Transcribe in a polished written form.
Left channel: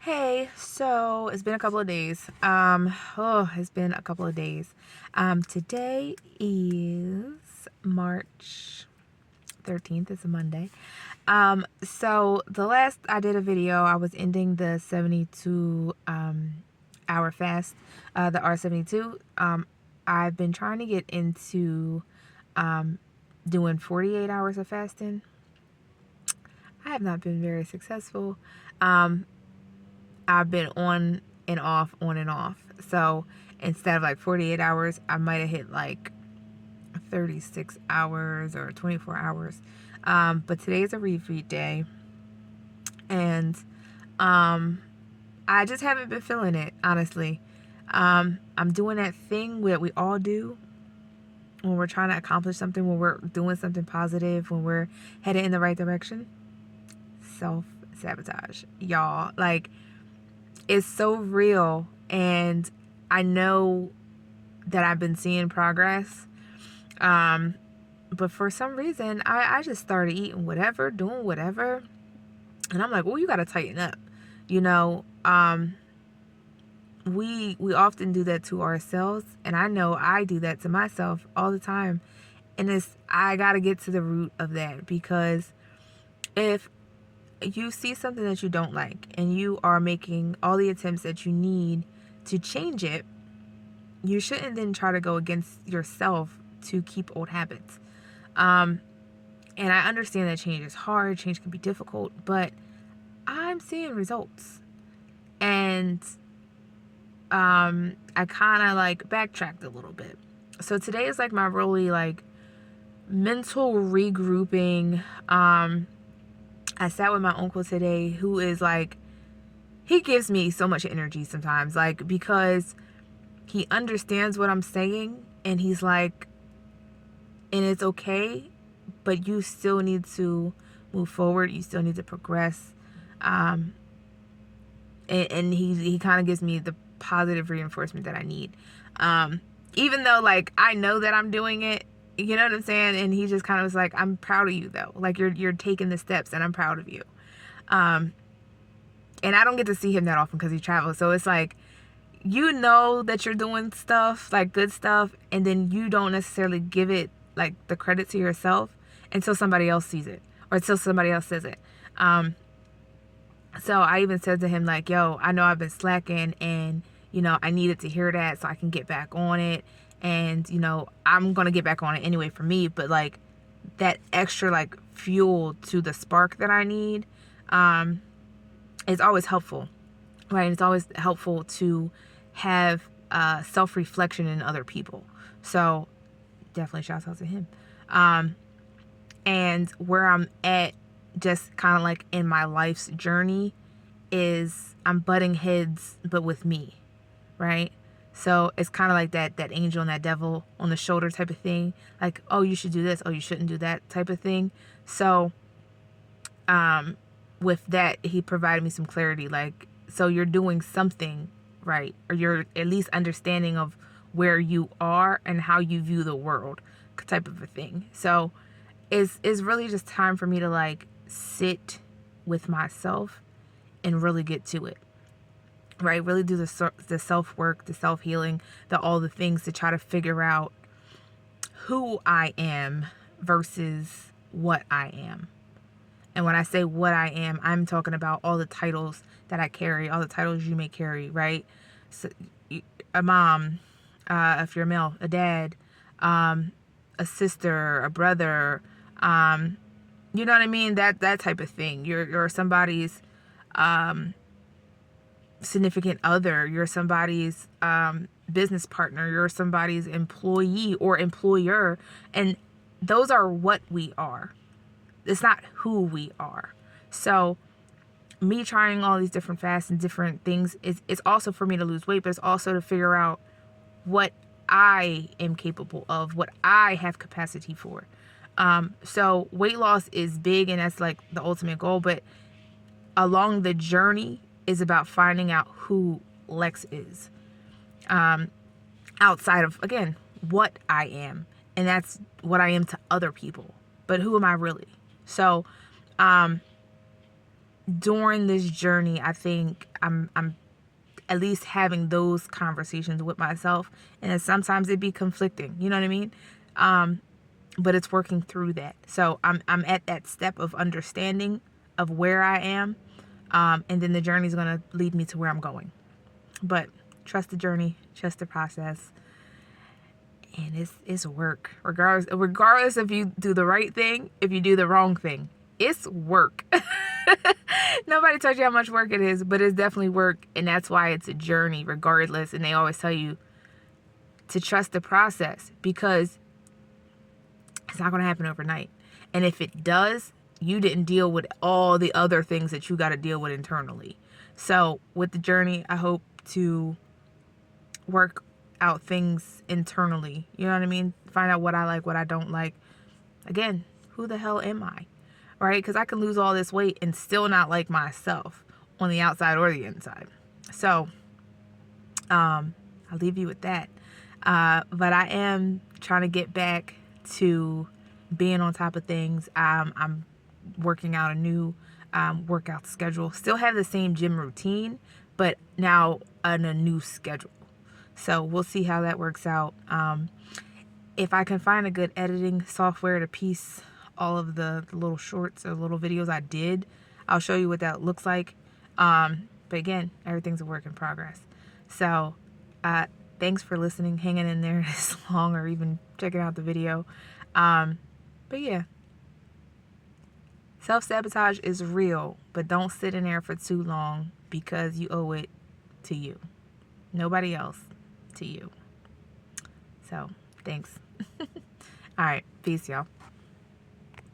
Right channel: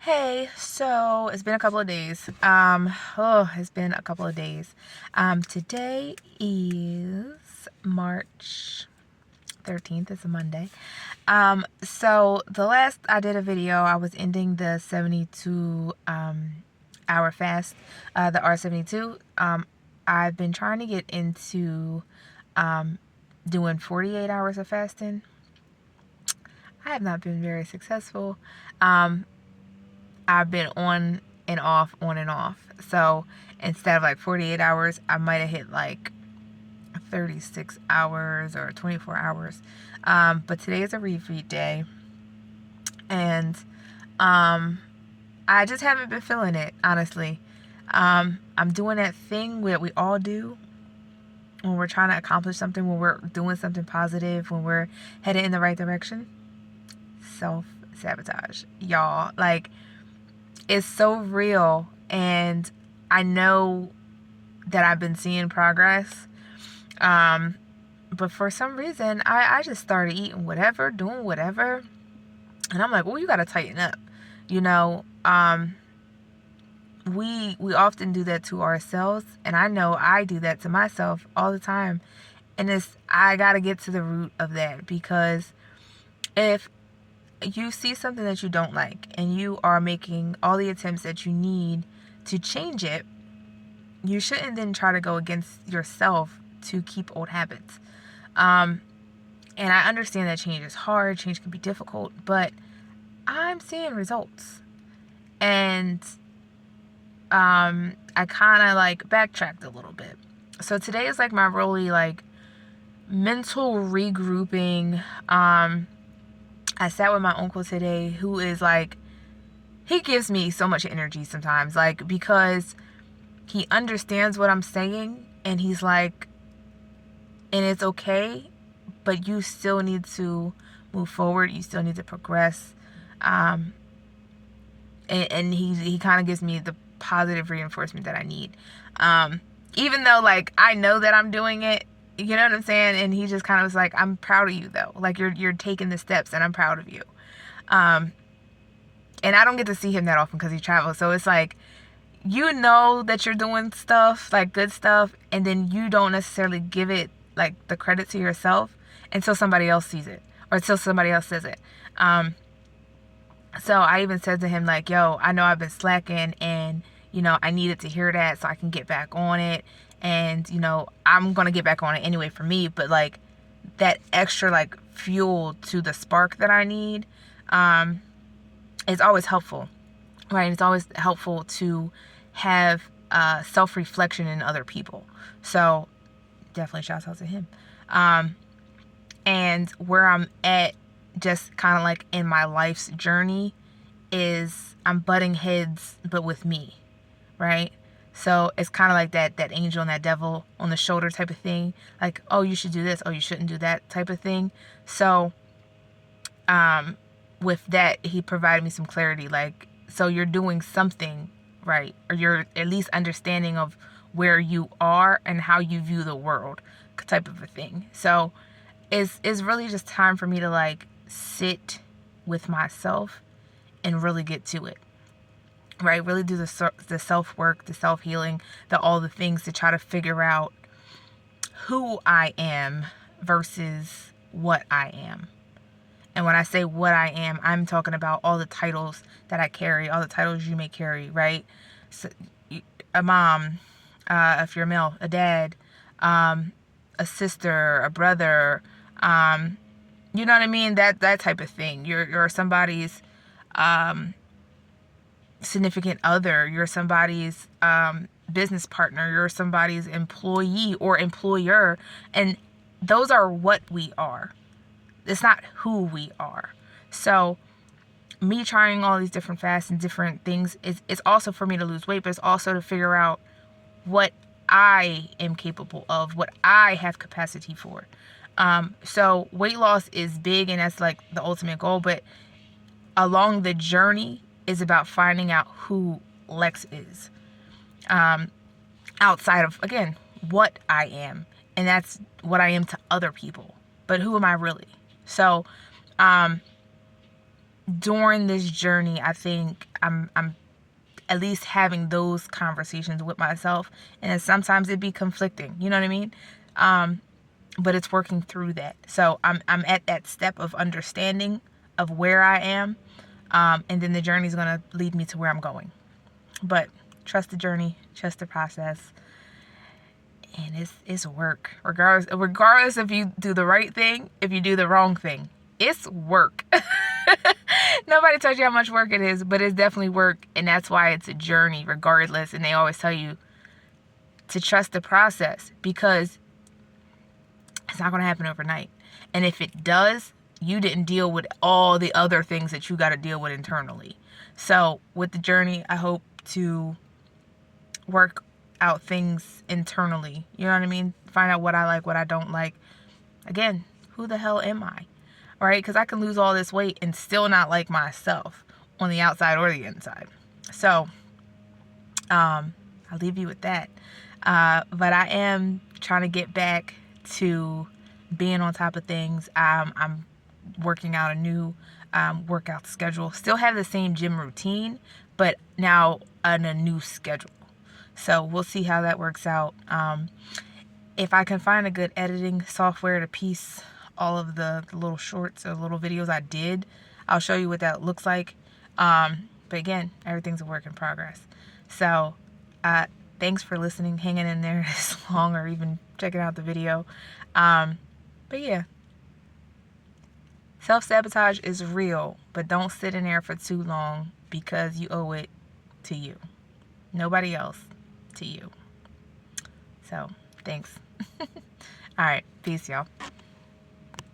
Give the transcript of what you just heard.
Hey, so it's been a couple of days. It's been a couple of days. Today is March 13th. It's a Monday. So the last I did a video, I was ending the 72 hour fast, the R72. I've been trying to get into doing 48 hours of fasting. I have not been very successful. Um, I've been on and off, on and off. So instead of like 48 hours, I might have hit like 36 hours or 24 hours. But today is a refeed day. And I just haven't been feeling it, honestly. I'm doing that thing that we all do when we're trying to accomplish something, when we're doing something positive, when we're headed in the right direction. Self-sabotage. Y'all, like, it's so real, and I know that I've been seeing progress, but for some reason I just started eating whatever, doing whatever, and I'm like, well, you gotta tighten up, you know. We often do that to ourselves, and I know I do that to myself all the time, and I gotta get to the root of that, because if you see something that you don't like and you are making all the attempts that you need to change it, you shouldn't then try to go against yourself to keep old habits. And I understand that change is hard, change can be difficult, but I'm seeing results. And I kind of like backtracked a little bit. So today is like my really like mental regrouping. I sat with my uncle today, who is like, he gives me so much energy sometimes, like, because he understands what I'm saying, and he's like, and it's okay, but you still need to move forward, you still need to progress. And he kind of gives me the positive reinforcement that I need, even though like I know that I'm doing it, you know what I'm saying. And he just kind of was like, I'm proud of you though, like you're taking the steps and I'm proud of you. And I don't get to see him that often because he travels, so it's like, you know that you're doing stuff, like good stuff, and then you don't necessarily give it like the credit to yourself until somebody else sees it or until somebody else says it. So I even said to him like, yo, I know I've been slacking, and I needed to hear that so I can get back on it. And I'm gonna get back on it anyway for me, but like that extra like fuel to the spark that I need is always helpful, right? It's always helpful to have self-reflection in other people. So definitely shouts out to him. And where I'm at, just kind of like in my life's journey, is I'm butting heads, but with me, right? So it's kind of like that angel and that devil on the shoulder type of thing. Like, oh, you should do this. Oh, you shouldn't do that type of thing. So with that, he provided me some clarity. Like, so you're doing something right, or you're at least understanding of where you are and how you view the world, type of a thing. So it's really just time for me to like sit with myself and really get to it, right? Really do the self work, the self healing, all the things to try to figure out who I am versus what I am. And when I say what I am, I'm talking about all the titles that I carry, all the titles you may carry, right? So, a mom, if you're a male, a dad, a sister, a brother, you know what I mean? That type of thing. You're somebody's significant other. You're somebody's business partner. You're somebody's employee or employer, and those are what we are. It's not who we are. So me trying all these different fasts and different things is also for me to lose weight, but it's also to figure out what I am capable of, what I have capacity for. So weight loss is big, and that's like the ultimate goal, but along the journey is about finding out who Lex is, outside of, again, what I am. And that's what I am to other people, but who am I really? So during this journey, I think I'm at least having those conversations with myself, and sometimes it be conflicting, you know what I mean? But it's working through that. So I'm at that step of understanding of where I am, and then the journey is going to lead me to where I'm going. But trust the journey, trust the process, and it's work. Regardless if you do the right thing, if you do the wrong thing, it's work. Nobody tells you how much work it is, but it's definitely work, and that's why it's a journey regardless. And they always tell you to trust the process, because it's not going to happen overnight. And if it does, you didn't deal with all the other things that you got to deal with internally. So with the journey, I hope to work out things internally. You know what I mean? Find out what I like, what I don't like. Again, who the hell am I? All right? Because I can lose all this weight and still not like myself on the outside or the inside. So I'll leave you with that. But I am trying to get back to being on top of things. I'm working out a new workout schedule. Still have the same gym routine, but now on a new schedule. So we'll see how that works out. If I can find a good editing software to piece all of the little shorts or little videos I did, I'll show you what that looks like. But again, everything's a work in progress. So thanks for listening, hanging in there this long, or even checking out the video. But yeah, self-sabotage is real, but don't sit in there for too long, because you owe it to you. Nobody else, to you. So, thanks. All right, peace, y'all.